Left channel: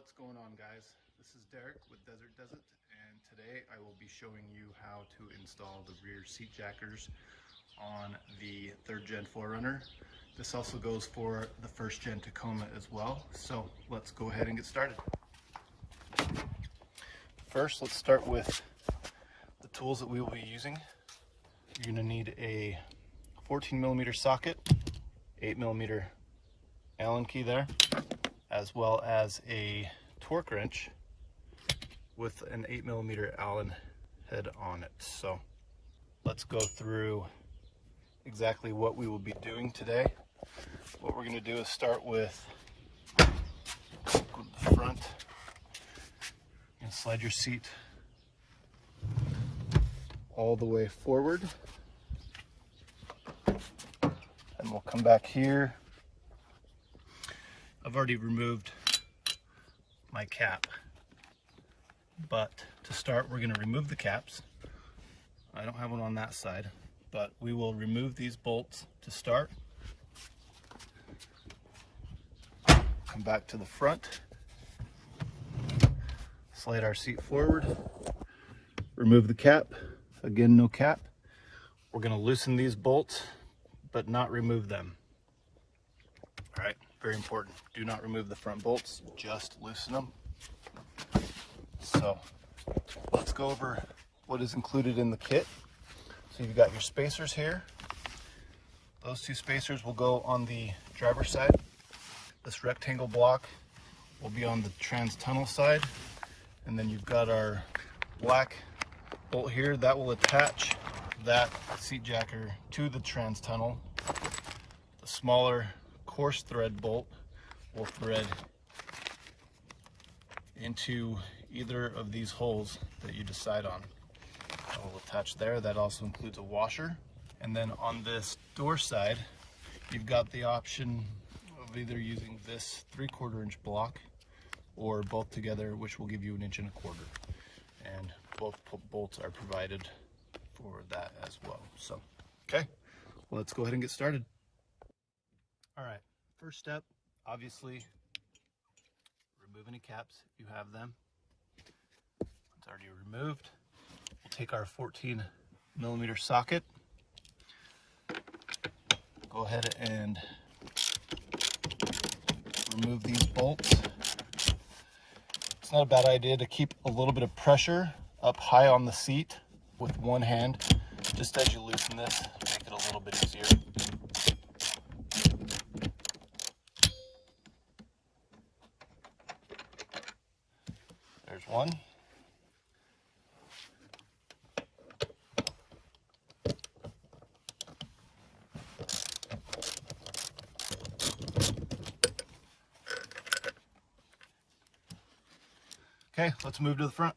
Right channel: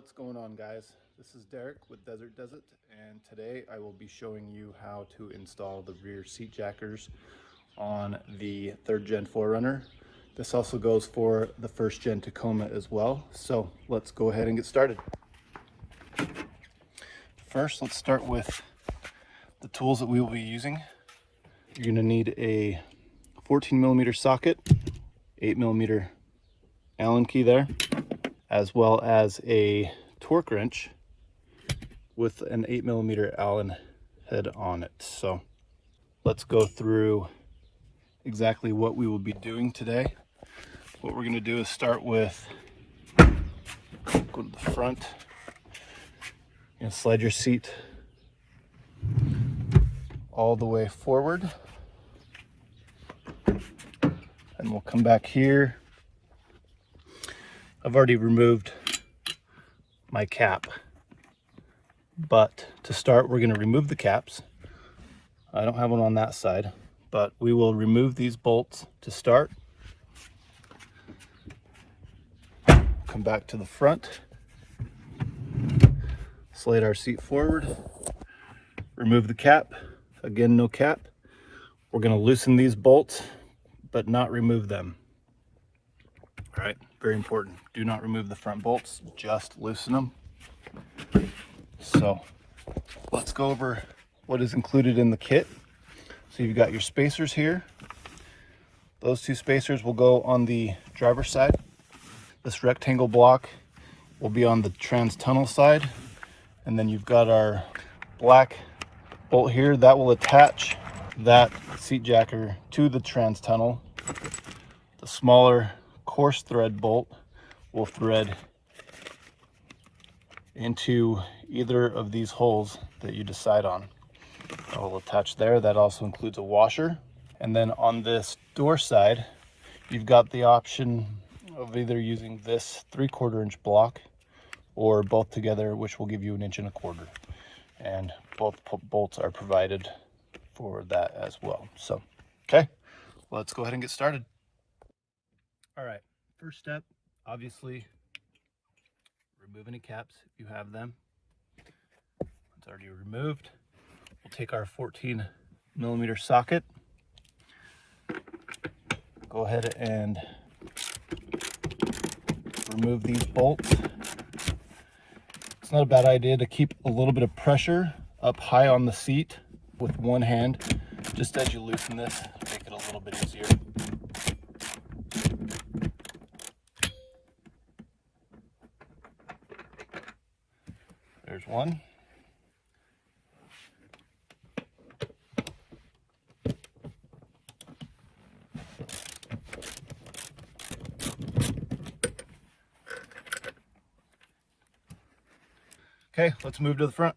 What's going on, guys? This is Derek with Desert Desert, and today I will be showing you how to install the rear seat jackers on the 3rd gen 4Runner. This also goes for the 1st gen Tacoma as well. So let's go ahead and get started. First, let's start with the tools that we will be using. You're going to need a 14mm socket, 8mm Allen key there, as well as a torque wrench with an 8mm Allen head on it. So let's go through exactly what we will be doing today. What we're going to do is start with, go to the front and slide your seat all the way forward, and we'll come back here. I've already removed my cap, but to start we're going to remove the caps. I don't have one on that side, but we will remove these bolts to start. Come back to the front, slide our seat forward, remove the cap. Again, no cap. We're going to loosen these bolts but not remove them. All right, very important. Do not remove the front bolts, just loosen them. So let's go over what is included in the kit. So you've got your spacers here. Those two spacers will go on the driver's side. This rectangle block will be on the trans tunnel side. And then you've got our black bolt here that will attach that seat jacker to the trans tunnel. The smaller coarse thread bolt will thread into either of these holes that you decide on. That will attach there. That also includes a washer. And then on this door side, you've got the option of either using this 3/4 inch block or both together, which will give you 1 1/4 inch. And both bolts are provided for that as well. So, okay, let's go ahead and get started. All right, first step, obviously, remove any caps if you have them. It's already removed. We'll take our 14mm socket, go ahead and remove these bolts. It's not a bad idea to keep a little bit of pressure up high on the seat with one hand, just as you loosen this, make it a little bit easier. There's one. Okay, let's move to the front.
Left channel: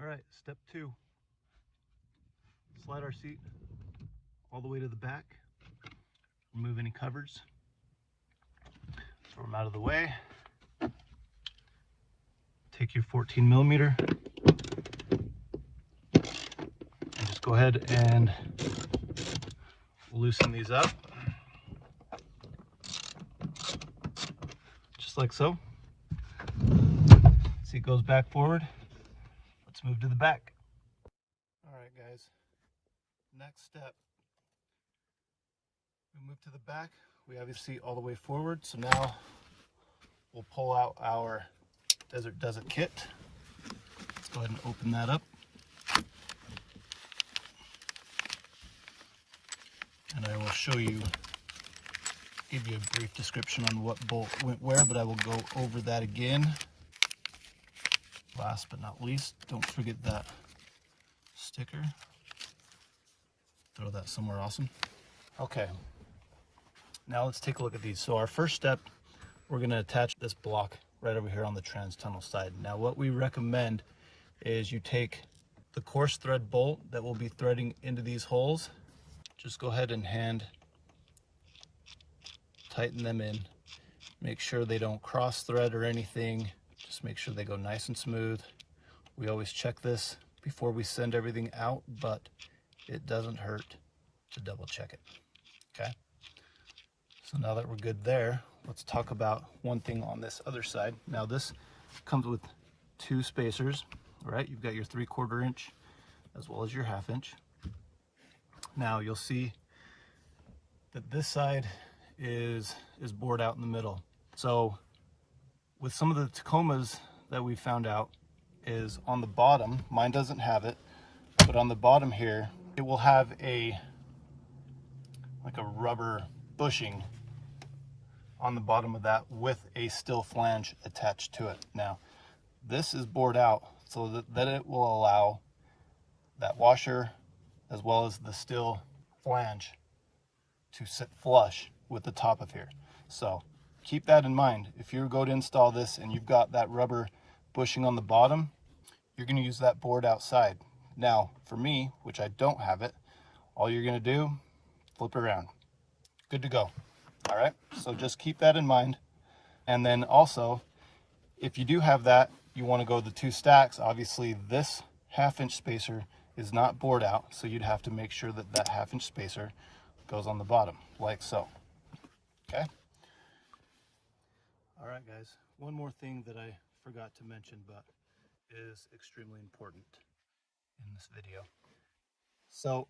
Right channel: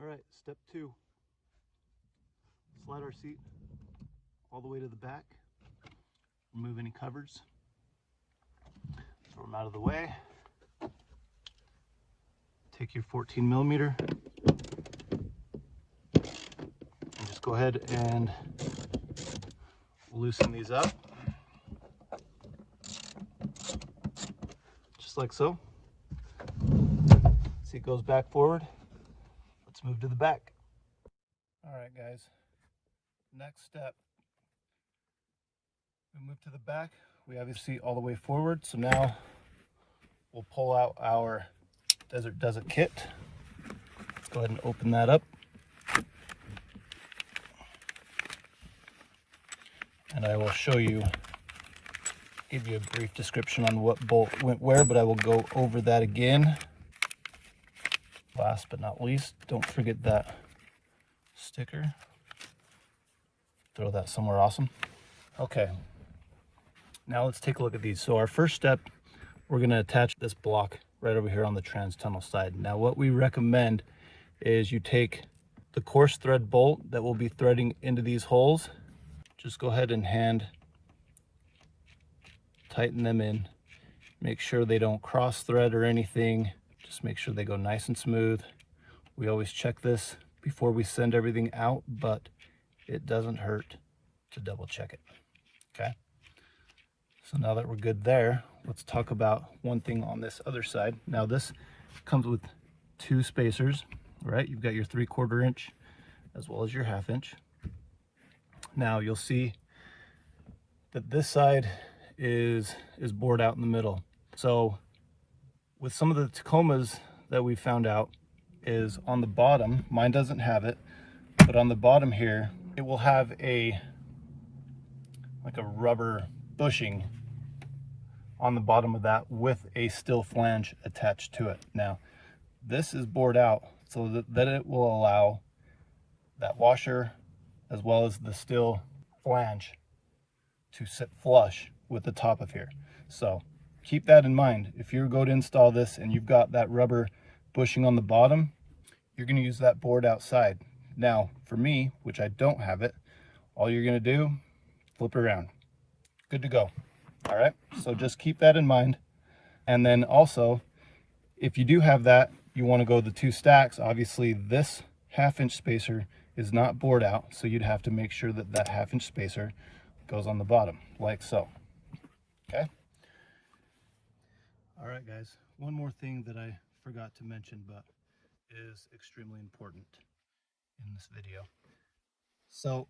All right, step 2. Slide our seat all the way to the back. Remove any covers. Throw them out of the way. Take your 14mm and just go ahead and loosen these up. Just like so. Seat goes back forward. Let's move to the back. All right, guys. Next step. We move to the back. We have your seat all the way forward. So now we'll pull out our Desert Desert kit. Let's go ahead and open that up. And I will show you, give you a brief description on what bolt went where, but I will go over that again. Last but not least, don't forget that sticker. Throw that somewhere awesome. Okay, now let's take a look at these. So our first step, we're going to attach this block right over here on the trans tunnel side. Now what we recommend is you take the coarse thread bolt that will be threading into these holes. Just go ahead and hand tighten them in. Make sure they don't cross thread or anything. Just make sure they go nice and smooth. We always check this before we send everything out, but it doesn't hurt to double check it. Okay, So now that we're good there, let's talk about one thing on this other side. Now this comes with 2 spacers, right? You've got your 3/4 inch as well as your 1/2 inch. Now you'll see that this side is bored out in the middle. So with some of the Tacomas that we found out is on the bottom, mine doesn't have it, but on the bottom here, it will have like a rubber bushing on the bottom of that with a steel flange attached to it. Now, this is bored out so that it will allow that washer as well as the steel flange to sit flush with the top of here. So keep that in mind. If you go to install this and you've got that rubber bushing on the bottom, you're going to use that board outside. Now, for me, which I don't have it, all you're going to do, flip it around. Good to go. All right, so just keep that in mind. And then also, if you do have that, you want to go the 2 stacks. Obviously, this 1/2 inch spacer is not bored out, so you'd have to make sure that that 1/2 inch spacer goes on the bottom, like so. Okay? All right, guys, one more thing that I forgot to mention, but is extremely important in this video. So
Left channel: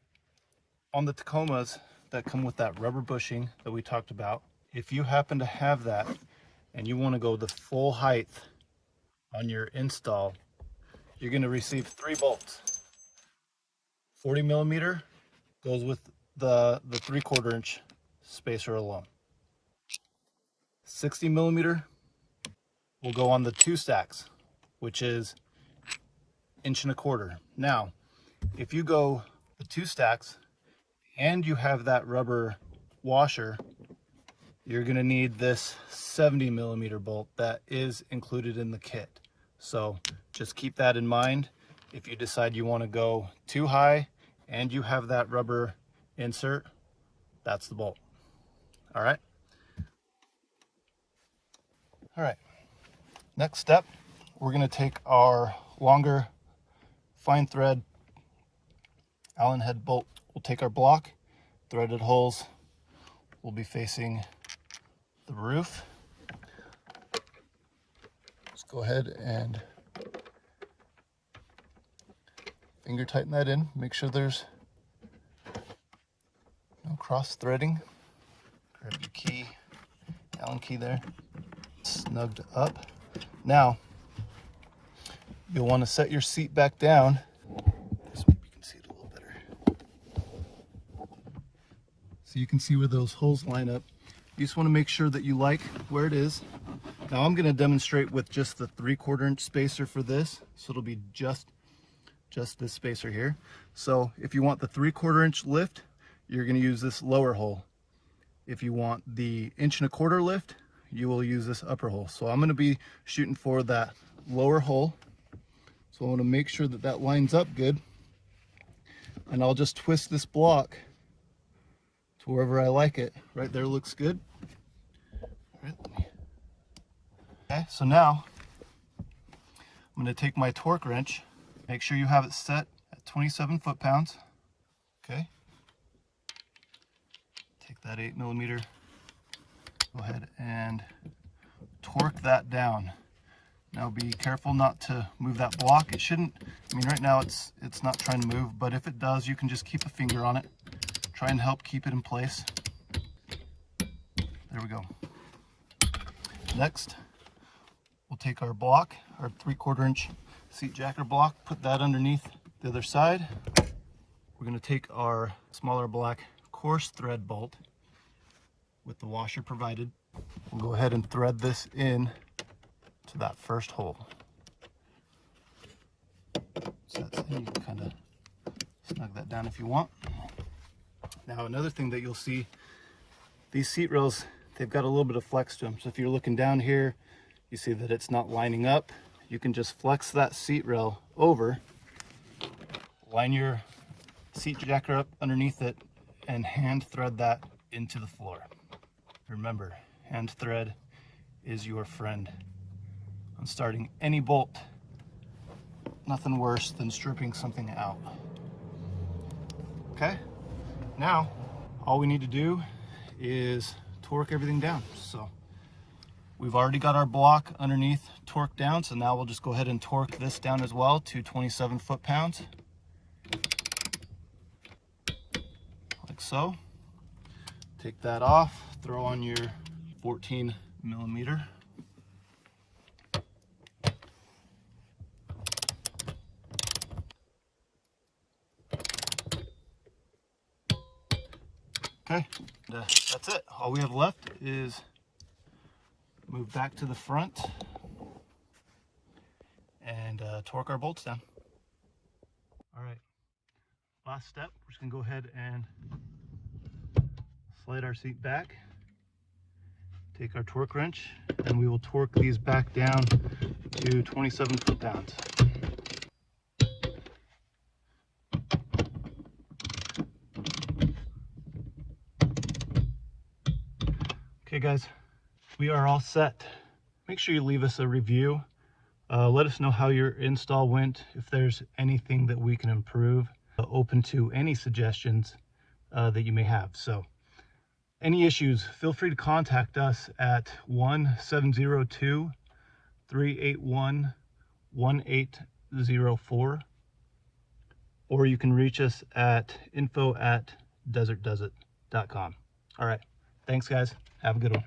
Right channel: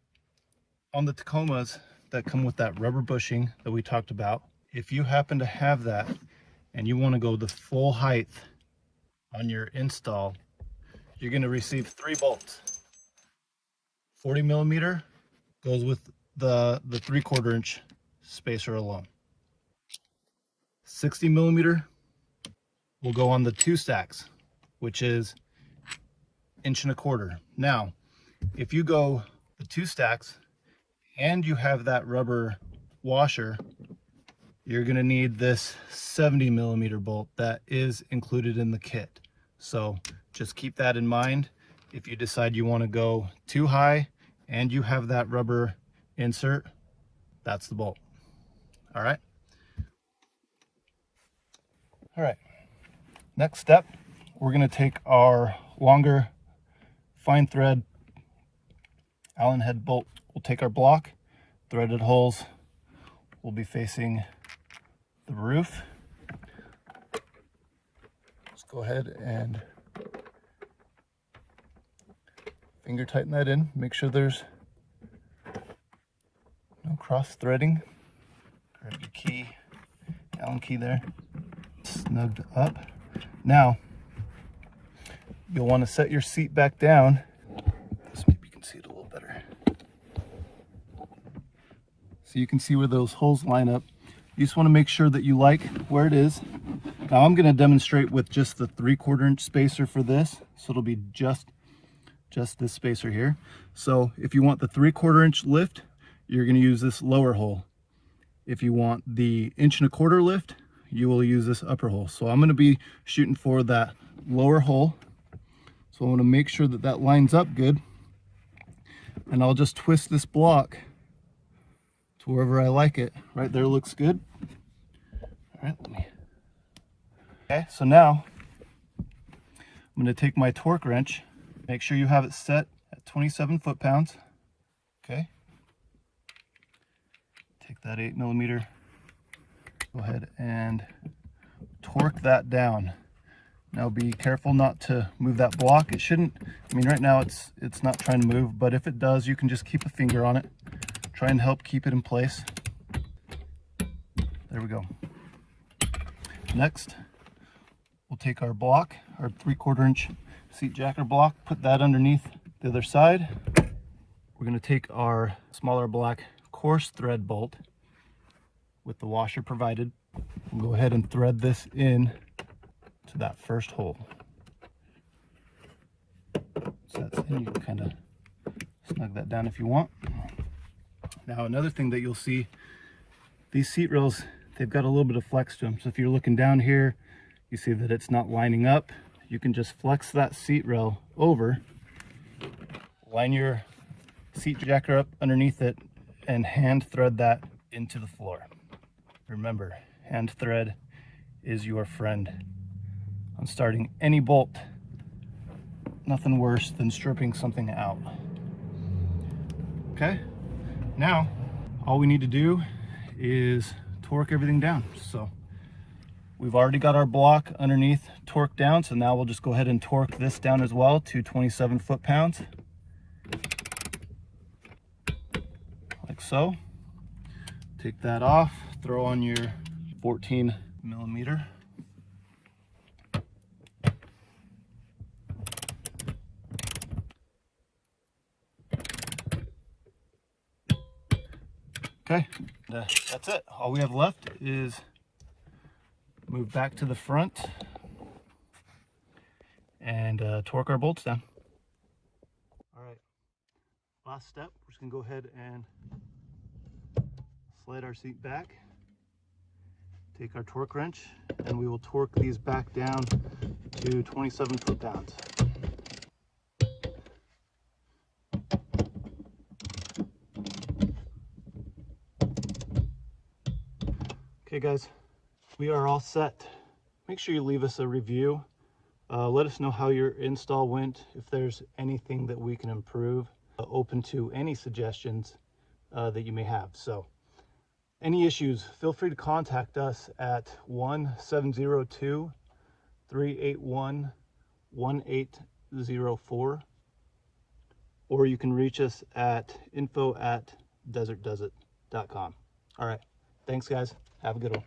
on the Tacomas that come with that rubber bushing that we talked about, if you happen to have that and you want to go the full height on your install, you're going to receive 3 bolts. 40 millimeter goes with the 3/4 inch spacer alone. 60 millimeter will go on the 2 stacks, which is 1.25 inches. Now, if you go the 2 stacks and you have that rubber washer, you're going to need this 70 millimeter bolt that is included in the kit. So just keep that in mind. If you decide you want to go too high and you have that rubber insert, that's the bolt. All right. All right. Next step, we're going to take our longer fine thread Allen head bolt. We'll take our block, threaded holes will be facing the roof. Let's go ahead and finger tighten that in. Make sure there's no cross threading. Grab your key, Allen key there, snugged up. Now, you'll want to set your seat back down. So maybe you can see it a little better. So you can see where those holes line up. You just want to make sure that you like where it is. Now I'm going to demonstrate with just the 3/4 inch spacer for this. So it'll be just this spacer here. So if you want the 3/4 inch lift, you're going to use this lower hole. If you want the 1.25 inch lift, you will use this upper hole. So I'm going to be shooting for that lower hole. So I want to make sure that that lines up good. And I'll just twist this block to wherever I like it. Right there looks good. All right, okay, so now I'm going to take my torque wrench. Make sure you have it set at 27 foot-pounds. Okay. Take that 8 millimeter. Go ahead and torque that down. Now be careful not to move that block. It shouldn't, I mean right now it's not trying to move, but if it does, you can just keep a finger on it. Try and help keep it in place. There we go. Next, we'll take our block, our 3/4 inch seat jacker block, put that underneath the other side. We're going to take our smaller black coarse thread bolt with the washer provided. We'll go ahead and thread this in to that first hole. So that's in. You can kind of snug that down if you want. Now another thing that you'll see, these seat rails, they've got a little bit of flex to them. So if you're looking down here, you see that it's not lining up. You can just flex that seat rail over, line your seat jacker up underneath it, and hand thread that into the floor. Remember, hand thread is your friend on starting any bolt. Nothing worse than stripping something out. Okay, now all we need to do is torque torque everything down. So we've already got our block underneath torqued down, so now we'll just go ahead and torque this down as well to 27 foot-pounds, like so. Take that off, throw on your 14 millimeter. Okay, that's it. All we have left is move back to the front and torque our bolts down. All right, last step, we're just gonna go ahead and slide our seat back, take our torque wrench, and we will torque these back down to 27 foot-pounds. Okay guys, we are all set. Make sure you leave us a review. Let us know how your install went, if there's anything that we can improve. Open to any suggestions that you may have. So any issues, feel free to contact us at 1-702-381-1804, or you can reach us at info@desertdoesit.com. All right, thanks guys, have a good one.